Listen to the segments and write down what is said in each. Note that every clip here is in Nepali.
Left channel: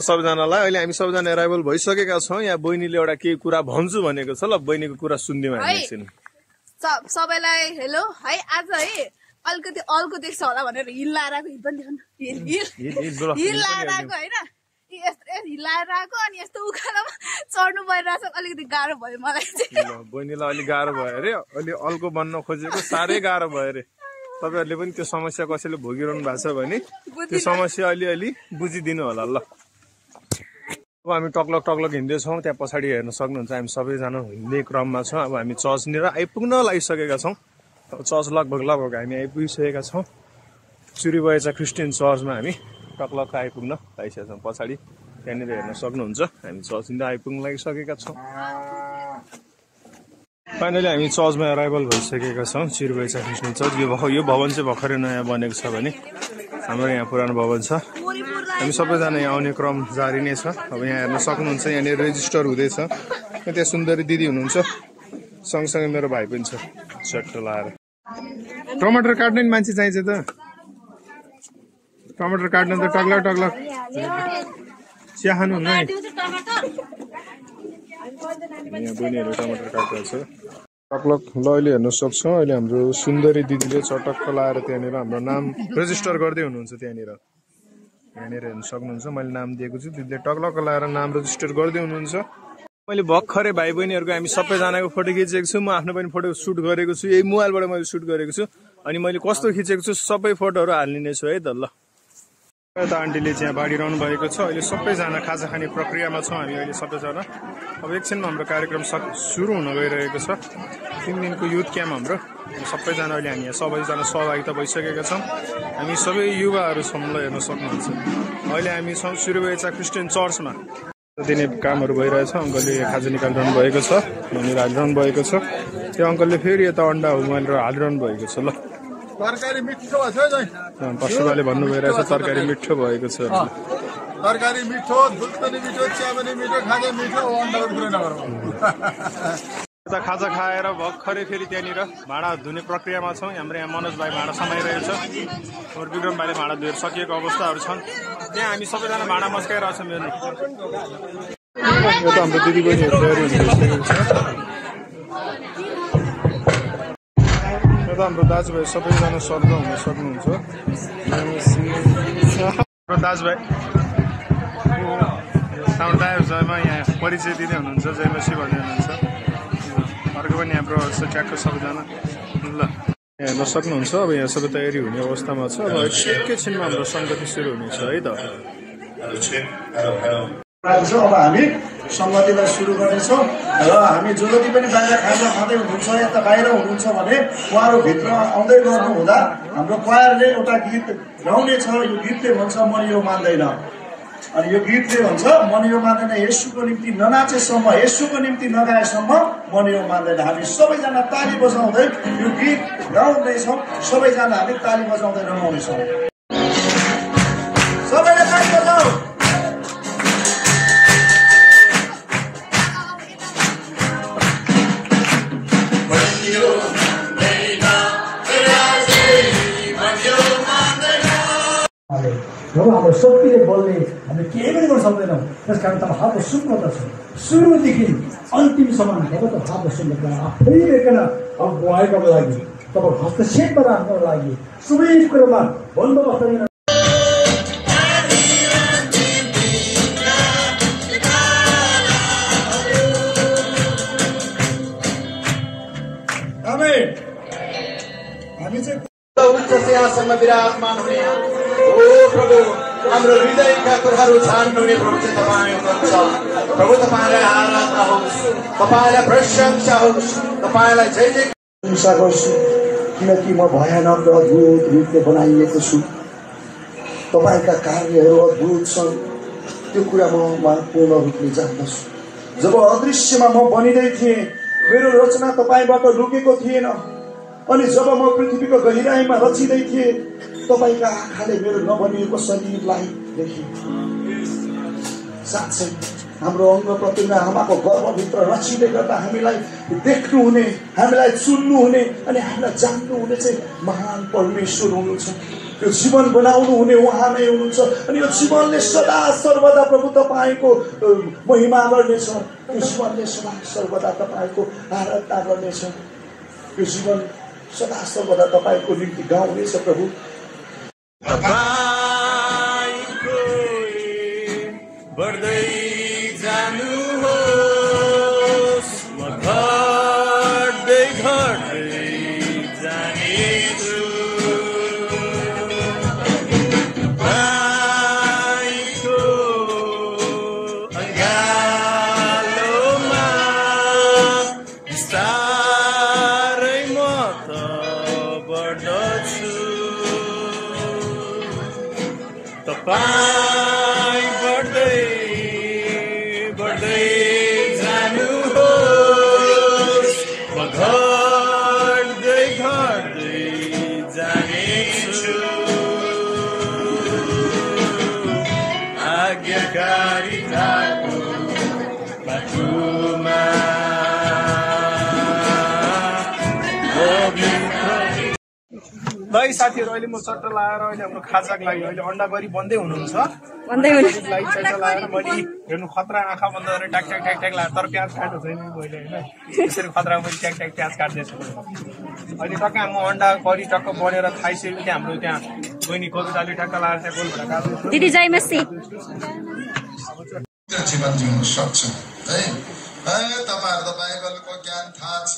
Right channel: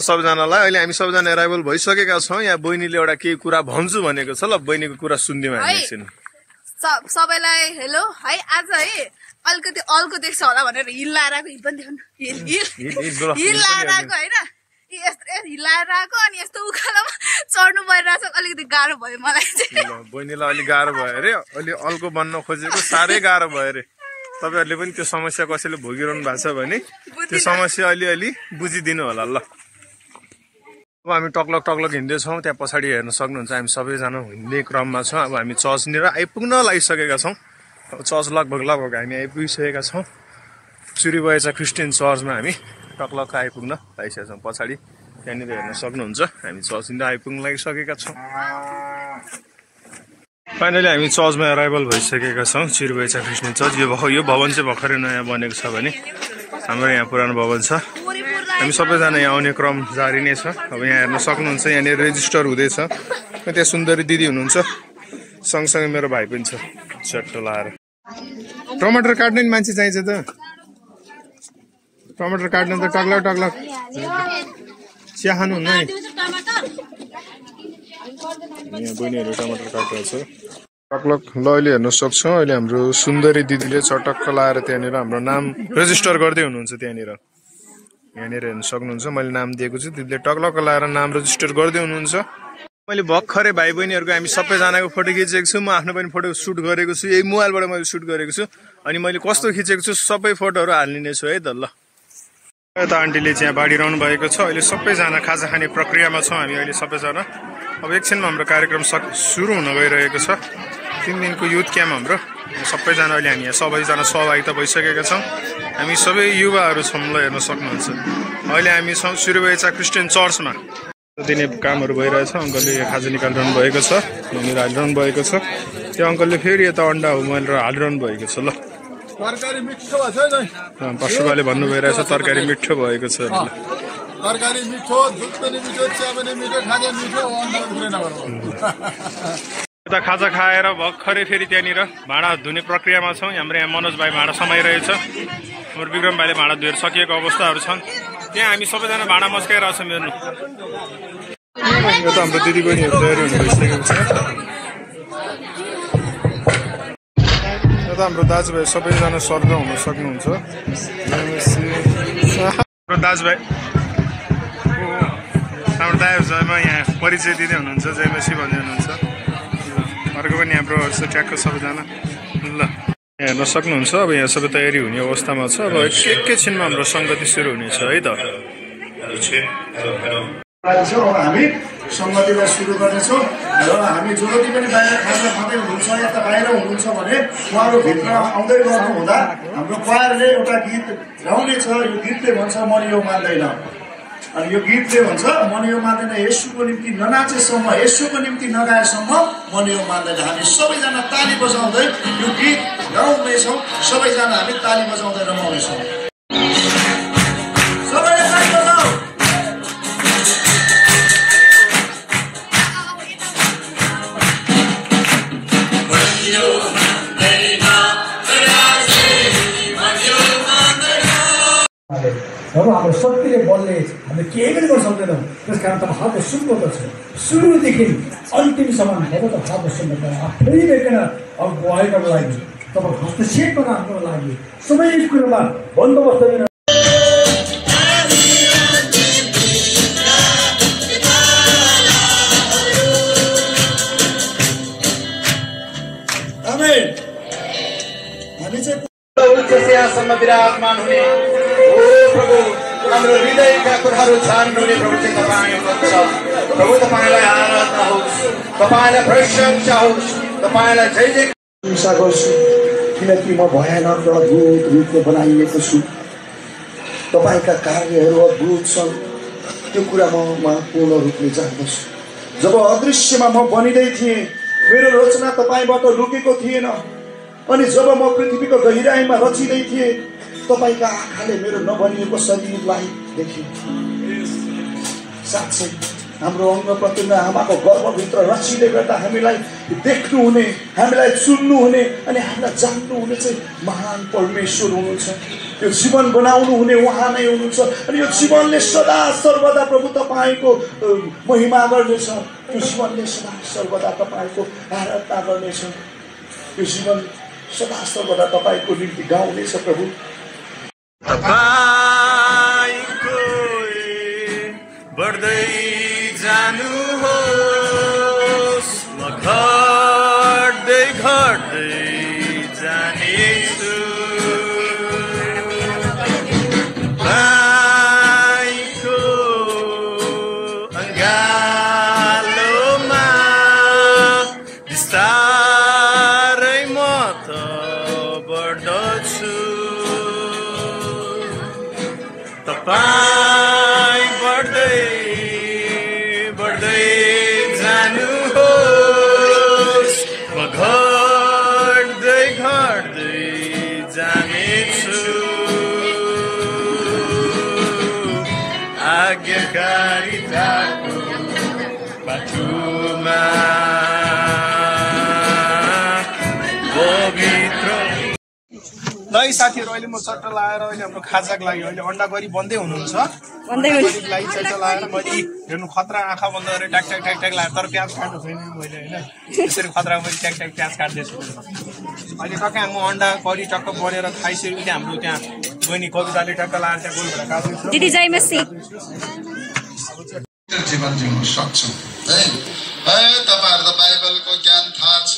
सबजनालाई अहिले हामी सबजना एराइभल भइसकेका छौँ। यहाँ बहिनीले एउटा केही कुरा भन्छु भनेको छ। ल बहिनीको कुरा सुनिदिउँ हामी एकछिन। सबैलाई हेलो है। आज है अलिकति अल्को देख्छ होला भनेर हिल लाएर आएको। हिल पनि देखाउनु हिल लाएर आएको होइन। हिलाएर आएको अनि यस्तो उकालोमा चढ्नु परिरहेछ। अलिकति गाह्रो भयो मलाई चाहिँ। बहिनीलाई अलिक गाह्रो भयो अरे। अलि अल्को बन्न खोजेको साह्रै गाह्रो भयो अरे। तपाईँहरूले पनि त्यो समस्या कसैले भोगिरहनु भएको छ भने त्यो समस्या अलिअलि बुझिदिनु होला। ल अब हामी टक्लक टक्लक हिँड्दैछौँ। त्यहाँ पछाडि हेर्न सक्नुहुन्छ हामी सबैजना हिँड्ने क्रममा छौँ। अब हामी चर्चनिर आइपुग्न लागिसकेका छौँ। अब चर्च लगभग हामी आइपुगिसकेका छौँ। चुरिबयचा क्रिस्चियन चर्चमा हामी टक्लक आइपुग्न लागिसकेका छौँ। पछाडि त्यहाँनिर हेर्न सक्नुहुन्छ हामी चर्चनिर आइपुग्न लागिसकेका छौँ। फाइनली हामी चर्चमा एराइभल भइसकेका छौँ। चुरिबयचा क्रिस्चियन चर्च। यो भवन चाहिँ भर्खरै नयाँ बनेको छ भने हाम्रो यहाँ पुरानो भवन छ। हामी सबैजना यहाँ आउने क्रम जारी नै छ। अब यहाँ हेर्न सक्नुहुन्छ यहाँनिर रेजिस्टर हुँदैछ। त्यहाँ सुन्दरी दिदी हुनुहुन्छ। सँगसँगै मेरो भाइ पनि छ चट्टो लाएर। टमाटर काट्ने मान्छे चाहिन्छ त। टमाटर काट्न त टक्लक टक्लक चिया खानुहुन्न नि। यहाँ बहिनीहरू टमाटर काटिरहेको छ टक्लक। ल अहिले हेर्न सक्छौँ अहिले हाम्रो सुन्दरी दिदीले चटक्क लाएर त्यहाँनिर हाम्रो नाम रेजिस्टर गर्दै हुनुहुन्छ। त्यहाँनिर यहाँनिर हेर्न सक्नुहुन्छ मैले नाम दिएको छु। दिदीले टक्लक लाएर नाम रेजिस्टर गर्दै हुनुहुन्छ। मैले भर्खरै भाइ बहिनीहरूको हामी सबैजनाको फोटो खिचेको छु। म आफ्नो पनि फोटो सुट गरेको छु। यही मोबाइलबाट मैले सुट गरेको छु। अनि मैले कस्तो खिचेको छु सबै फोटोहरू हालिने छु है त। ल यता आन्टीले चाहिँ बाँडिरहनु भएको छ। अहिले सबैजना खाजा खाने प्रक्रियामा छौँ हामी अहिले सबैजना। अब एकछिनमा हाम्रो कार्यक्रम सुरु हुन गइरहेको छ। 3 दिनको युथ क्याम्प हाम्रो। सबैजना अहिले हामी यहाँ सबैजना सहभागिता भइसकेका छौँ। हामी सबै युवाहरू छौँ। ल हेर्न सक्नुहुन्छ अहिले हामी छौँ चुरिबयचा क्रिस्चियन चर्चमा। दिने कामहरू भइरहेछ। अङ्कलले खाजा निकालिरहनु भएको छ। यहाँनिर हालिरहनु भएको छ। त्यो अङ्कलले फेरि यता अन्डा उमालेर हालिरहनु भएको छ। ल पशुपाले भन्नु भइरहेछ तरकारी मिठो भएको छ। तरकारी मिठो, दुध पनि मिठो, चिया पनि मिठो, खाजा मिठो, अन्डाको कुरा नगरौँ। यता खाजा खाएर भर्खरै फेरि त्यहाँनिर भाँडा धुने प्रक्रियामा छौँ। हाम्रो यहाँ मनोज भाइ भाँडा समाइरहेछ। हाम्रो विक्रम भाइले भाँडा धुएर सकिएको अवस्थाहरू छन्। त्यहाँ हामी सबैजना भाँडा मस्काइरहेको छौँ। हेर्नु यो त हाम्रो दिदी बहिनीहरू तयारी हुनु भइसकेको छ। यो त हाम्रो दाजुभाइ सबैजना सर्ग हुन सक्नुहुन्छ। हाम्रो दाजुभाइ हाम्रो दाजुभाइमा यहाँ परिचय दिँदै हुनुहुन्छ। जयमसी भन्दै हुनुहुन्छ। अर्को पनि हाम्रो ट्याक्क सबैजना। ल हेर्न सक्नुहुन्छ अब यहाँ सबै तयारी हुने अवस्थामा छ। अब एकैछिनमा हाम्रो सङ्गति सुरु हुनेछ है त। अब हामी सङ्गतिलाई सुरु गर्नेछौँ र हामी जो जति पनि बाहिर खाजा खाँदै हुनुहुन्छ यता बाहिर हुनुहुन्छ भने उहाँहरू भित्र आउँदै गर्नु हुँदा हाम्रो क्वायरले एउटा गीत गाउनेछ। यो गीतले भन्छ मन यो मान्दैन। अनि यो गीतले भन्छ मन यो मान्दैन। येशूको निम्ति ननाचेसम्म, येशूको निम्ति नगाएसम्म मन यो मान्दैन। हामी सबैजना ताली बजाउँदै यो गीत गाउँदैछौँ। सबैजना हामी ताली बजाउँदै रमाउनेछौँ। सबैले ताली बजाऊ। जब हाम्रो शक्तिले बल्ने हामीले केही पनि गर्न सक्दैनौँ। त्यस कारण तपाईँ हातमा सुन्नुपर्दछ। सुरुदेखि अन्तिमसम्म तपाईँ त हातमा सुन्नुपर्छ। आफै बेकेर अब गुहाइको लागि तपाईँ हस्तक्षेप गरेर हाम्रो लागि सबै कुरोमा बन्दोबस्त दिन। हामी चाहिँ यहाँसम्म विराजमान हुने प्रभु हाम्रो हृदयका कुराहरू छान्नुहुने प्रभु चाहिँ तपाईँ हुनुहुन्छ। प्रभु तपाईँलाई आराधना होस्, तपाईँलाई प्रशंसा होस्, तपाईँलाई जय जय प्रशंसा गर्छु किनकि म भयानक र अद्भुत रूपले बनाइएको छु। तपाईँका कार्यहरू अद्भुत छन्। त्यो कुरा म पूर्ण रूपले जान्दछु। जब अदृश्यमा म बनिँदै थिएँ मेरो रचना तपाईँबाट लुकेको थिएन। अनि जब म पृथ्वीको गहिराईमा रचिँदै थिएँ तपाईँका आँखाले मेरो नबनिएको शरीरलाई देखेँ। साँच्चै हाम्रो अंग प्रत्यङ्ग आमाको गर्भभित्र रचिले गर्दा हामीलाई देख्नुहुने, हामीलाई सुन्नुहुने अनि हामीलाई जान्नुहुने चाहिँ महान परमेश्वर हुनुहुन्छ। त्यो जीवन बनाउनु हुने उहाँ नै हुनुहुन्छ अनि यो जीवनले सदा सर्वदा प्रभु तपाईँको महिमा गर्नेछ त्यो जीवनले सदा सर्वदा तपाईँको आराधना गर्नेछ त्यो जीवन सदा सर्वदा तपाईँको निम्ति गाउनेछ प्रभु तपाईको बढ्दै जानुहोस् म घट्दै घट्दै जानेछु तपाईँको अँगालोमा बिस्तारै म त बढ्दछु तपाईं बढ्दै बढ्दै जानुहोस् म घट्दै घट्दै जानेछु आज्ञाकारिताको बाटोमा पवित्र ल साथीहरू अहिले म चट्ट लाएर अहिले हाम्रो खाजाको लागि अहिले अन्डा गरी बन्दै हुनुहुन्छ लागि चट्ट लाएर मैले हेर्नु खतरा आँखा बन्द गरेर ट्याक ट्याक ट्याक ट्याक लाएर तर प्याज काट्नु छैन मैले होइन त्यसरी खतरा मैले ट्याक ट्याक प्याज काट्दैछु अहिले टक्क म अन्डा करी टक्क बनेर खाइसकेको थिएँ हाम्रो त्यहाँ बहिनी कविताले टक्क लाएर त्यहाँ गोलभेडा काट्दैछु दिदी जय मसी जीवन जिउन सक्छौँ है तपाईँहरू त बाइबलको ज्ञान थाहा छ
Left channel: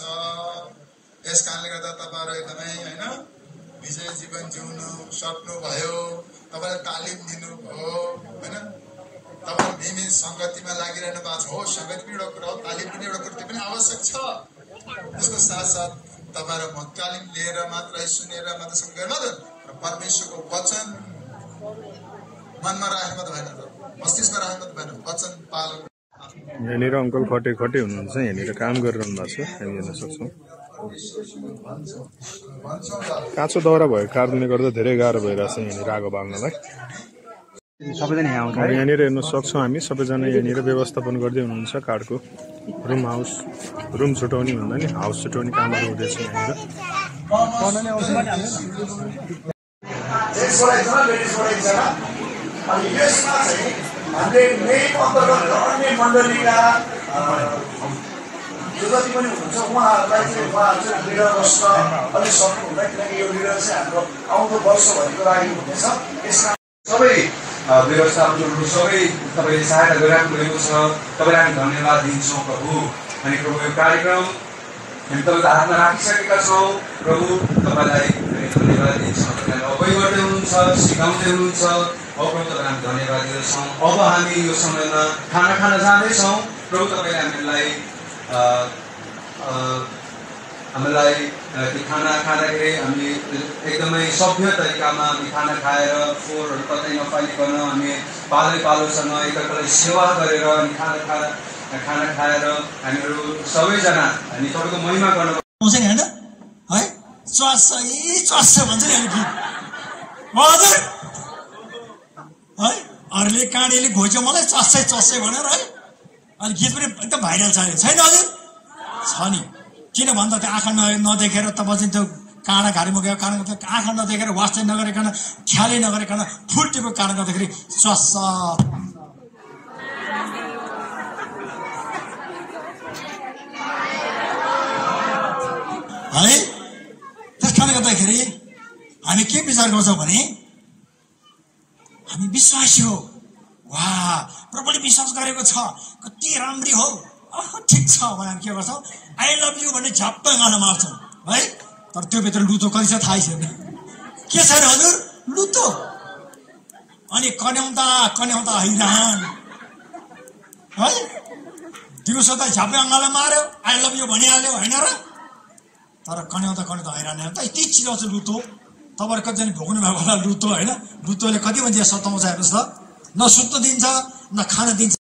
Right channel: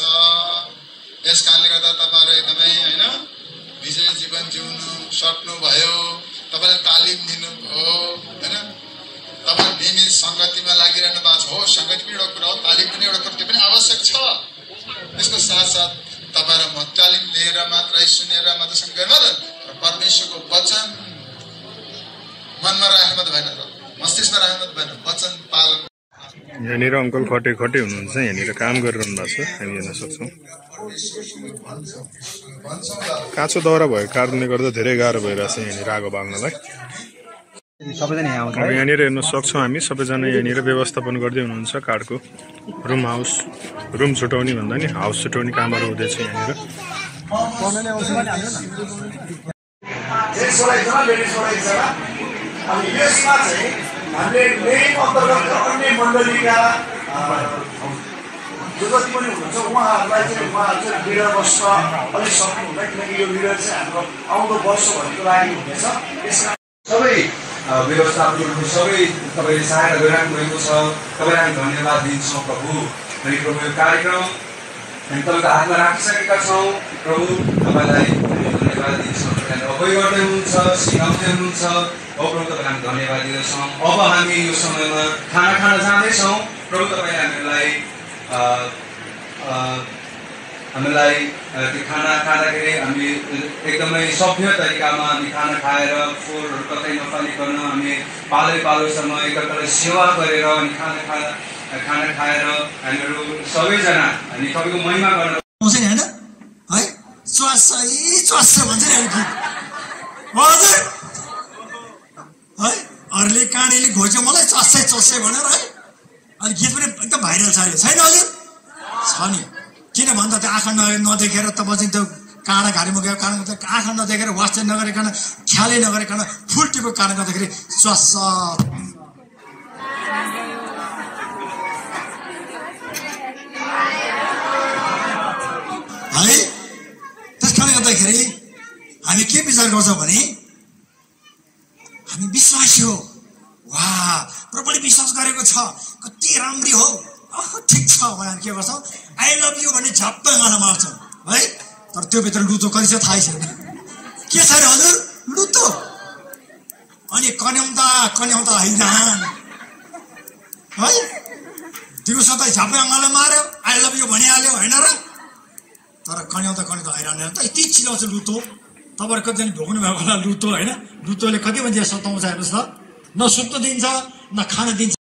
यस कारणले गर्दा तपाईँहरू एकदमै होइन विजय जीवन जिउनु सक्नुभयो तपाईँले तालिम दिनुभयो होइन तपाईँ नियमित सङ्गतिमा लागिरहनु भएको छ हो सङ्गति पनि एउटा कुरा हो तालिम पनि एउटा कुरा त्यो पनि आवश्यक छ त्यसको साथसाथ तपाईँहरू म तालिम लिएर मात्रै सुनेर मात्र सँगै मात्र र परमेश्वरको वचन मनमा राख्नु मात्र भएन र मस्तिष्कमा राख्नु मात्र भएन वचन पालन यहाँनिर अङ्कल खटे खटे हुनुहुन्छ यहाँनिर काम गरिरहनु भएको छ हामी हेर्न सक्छौँ काँचो दाउरा भएको कारणले गर्दा धेरै गाह्रो भइरहेछ यहाँनिर आगो बाल्नलाई यहाँनिर हेर्न सक्छौँ हामी सबैजना यहाँनिर व्यवस्थापन गर्दै हुनुहुन्छ काठको रुम छुटाउने भन्दा नि हाउस छुटाउने कामहरू हुँदैछ यहाँनिर अनि यसमा चाहिँ हामीले मेन अन्तर्गत अन्य मण्डलीका जो जति पनि हुनुहुन्छ उहाँहरूलाई चाहिँ उहाँहरू चाहिँ लिडर बस्न अलिक सक्नु हुँदैन किनकि यो लिडर चाहिँ हाम्रो आउँदो वर्षभरिको लागि हुनेछ यसमा सबै व्यवस्थापकहरू सबै तपाईँले सहायता गरिराख्नु भएको छ तपाईँलाई हामी धन्यवाद दिन्छौँ प्रभु अनि प्रभु यो कार्यक्रम हामी तपाईँको हातमा राखिसकेका छौँ प्रभु तपाईँलाई धन्यवाद दिन्छौँ तपाईँले अगुवाई गर्दै हुनुहुन्छ सिकाउँदै हुनुहुन्छ प्रभु तपाईँलाई हामी धन्यवाद दिँदछौँ अब हामी यो समयमा खाना खान जाँदैछौँ प्रभु तपाईँले हामीलाई त्यो खाना खाँदाखेरि हामी एकदमै सभ्य तरिकामा हामी खाना खाएर फोहोरहरू कतै नफालिकन हामी पालोसँग एकअर्कालाई सेवा गरेर अनि खाना खाएर हामीहरू सबैजना हामी तपाईँको महिमा गर्न होइन है च्वासै भन्छ नि गीत हजुर है अरूले काँडीले घोच्यो मलाई चस्सै भनेर है अनि गीत पनि एकदम भाइरल छ छैन हजुर छ नि किन भन्दा त्यो आँखा नदेखेर तपाईँ चाहिँ त्यो काँडा घारीमा गयो काँडा आँखा नदेखेर वाचन नगरिकन ख्यालै नगरिकन फुल्टीको काँडा गर्दाखेरि स्वास है त्यस कारणले गर्दाखेरि हामी के विचार गर्छौँ भने हामी विश्वासी हो वा प्रबलले विश्वास गरेको छ कति राम्री हो ठिक छ भने के गर्छौँ आई लभ यु भन्ने झप्प गाना मार्छौँ है तर त्यो भित्र लुतो कति छ थाहै छैन के छ अरे हजुर लुतो अनि कन्याउँदा हैरान है दिउँसो त झप्पै अङ्गालो मार्यो आई लभ यु भनिहाल्यो होइन र तर कन्याउँदा हैरान त यति चिलाउँछ लुतो तपाईँहरू कतिजना भोग्नु भएको होला लुतो होइन लुतोले कति मान्छे सताउँछ हेर्नुहोस् त न सुत्न दिन्छ न खान दिन्छ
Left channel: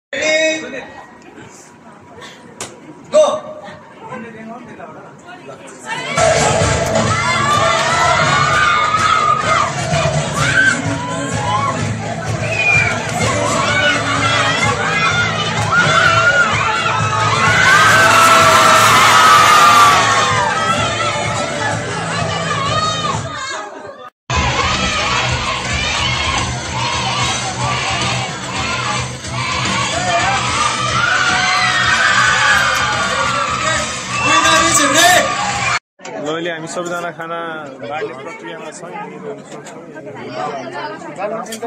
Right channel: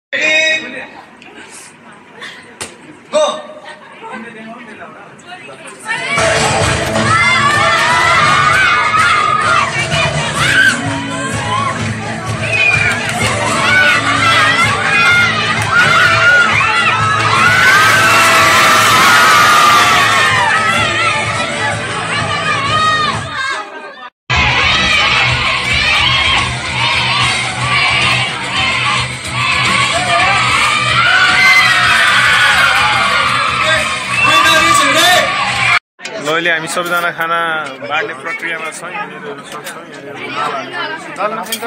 अहिले हामी सबैजना खाना बाँड्ने प्रक्रियामा छौँ। यहाँनिर सक्छौँ दाल नखान्छ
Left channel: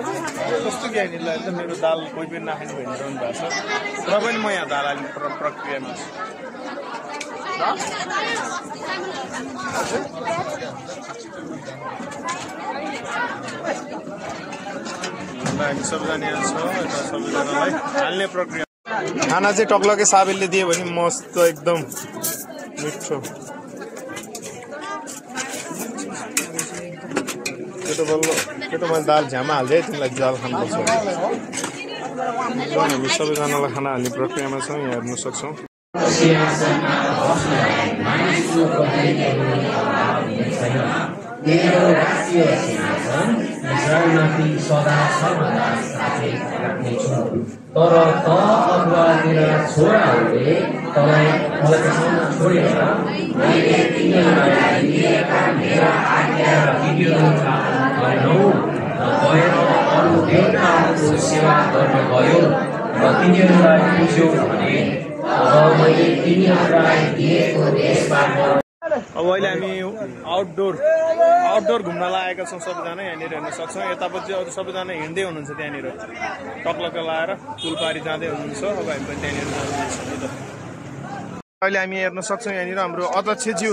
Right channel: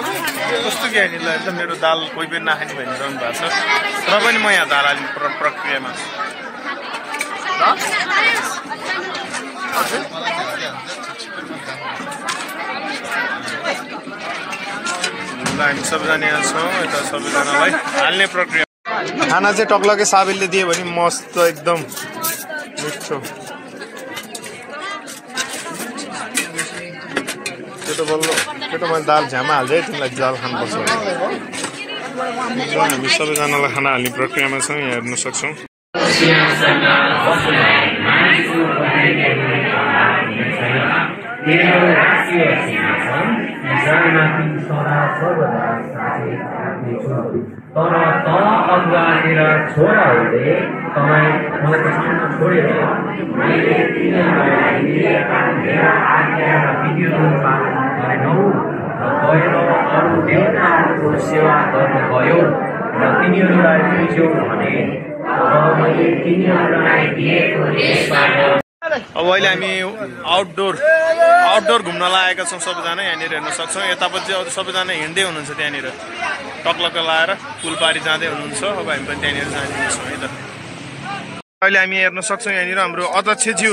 कस्तो कि यहाँनिर त मेरो दाल कोही पनि नखाने भनिरहनु भएको छ र पनि म यहाँ दाल हाल्ने प्रक्रियामा छु। हामी सबैजना यहाँ छौँ। यता सबैजनालाई हाल्ने प्रक्रिया खाना चाहिँ टक्लकै साबेलले दियो भने मस्त एकदम मिठो। त्यो त मैले दाल झ्यामा हाल्दै तिमीलाई जाल खानुपर्छ। हामी सबैजनालाई खाना हाल्ने प्रक्रियामा छौँ। यहाँ हेर्न सक्छौँ। तर त अगुवा मेरा छोराहरूले तपाईँ मलाई त्यसमा छोडेर मैले तिनीहरूलाई दिएका मेरा आज्ञा र विधिहरू पालन गरेनौ र गएर अरू देवताहरूको सेवा गर्नुभयो र तिनीहरूलाई पुज्यौ भने अब मैले तिनीहरूलाई दिएको देशबाट। अब अहिले हामी आउटडोर घुम्न लागेका छौँ सबैजना। यहाँनिर हेर्न सक्छौँ। यतापट्टि अरू सबैजना हिँड्दै हुनुहुन्छ। त्यहाँनिर टक्लक्क लाएर पुलपारी जाँदै हुनुहुन्छ। अब हामी पनि त्यहाँनिर जाँदैछौँ है त। अहिले हामी हेर्न सक्छौँ यहाँनिर हाम्रो अध्यक्षज्यू,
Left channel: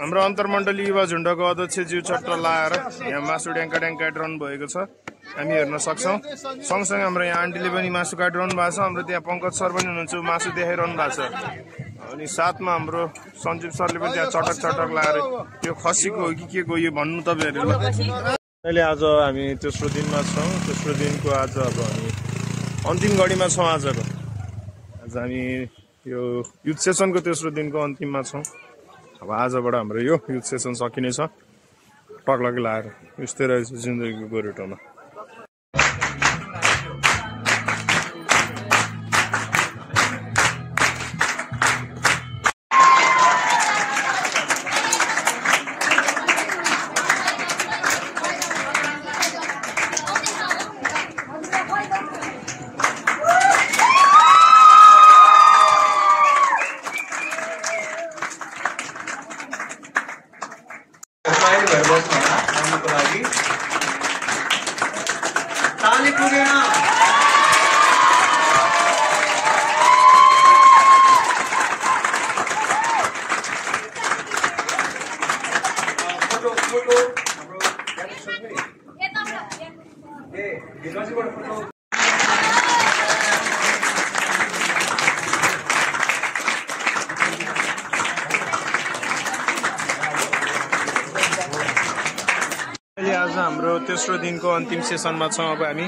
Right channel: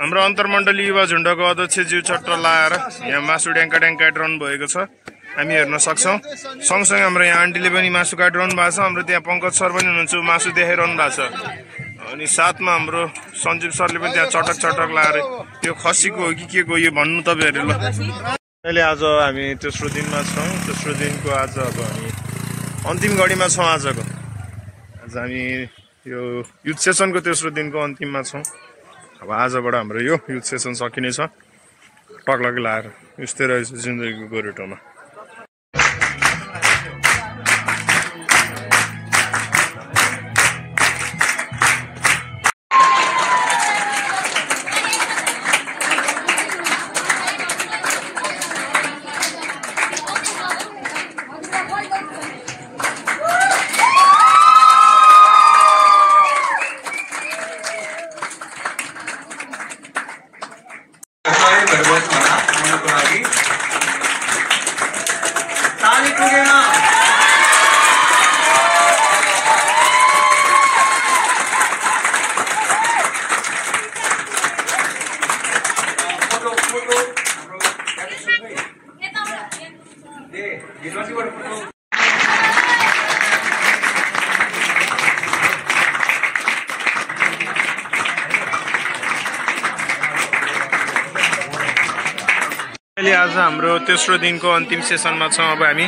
हाम्रो अन्तर्मण्डलीय युवा झुन्डको अध्यक्षज्यू चट्ट लाएर यहाँ मासु ड्याङ्का काटिरहनु भएको छ। हामी हेर्न सक्छौँ। सँगसँगै हाम्रो यहाँ आन्टीले पनि मासु काटिरहनु भएको छ। हाम्रो त्यहाँ पङ्कज सर पनि हुनुहुन्छ, मासु देखाइरहनु भएको छ। अनि साथमा हाम्रो सञ्जीव सरले पनि त्यहाँ चटक लाएर त्यो खसीको हो कि के को यो भन्नु तपाईँहरूले ल। अहिले आज हामी तेस्रो दिनमा छौँ। तेस्रो दिनको आज अब हामी अन्तिम घडीमा छौँ। आजको आज हामी यो युथ सेसनको तेस्रो दिनको अन्तिममा छौँ। अब आजबाट हाम्रो यो युथ सेसन सकिनेछ। टक्लकै लाएर यस्तै रहेछ जिन्दगीको गोरेटोमा। अहिले आज हाम्रो तेस्रो दिनको अन्तिम सेसनमा छौँ। अब हामी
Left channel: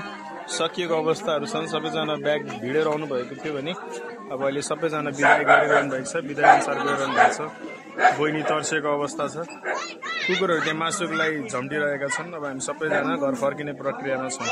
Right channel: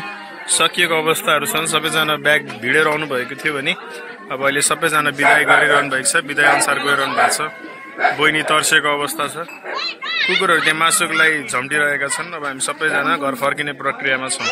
सकिएको अवस्थाहरू छन्। सबैजना ब्याग भिडेर आउनु भएको थियो भने अब अहिले सबैजना बिदाई गरिरहनु भएको छ। बिदाई अनुसार गइरहनु भएको छ। बहिनी तर्सेको अवस्था छ। कुकुरहरू त्यहाँ मासुको लागि झम्टिरहेका छन्। अब हामी सबैजना घर फर्किने प्रक्रियामा छौँ।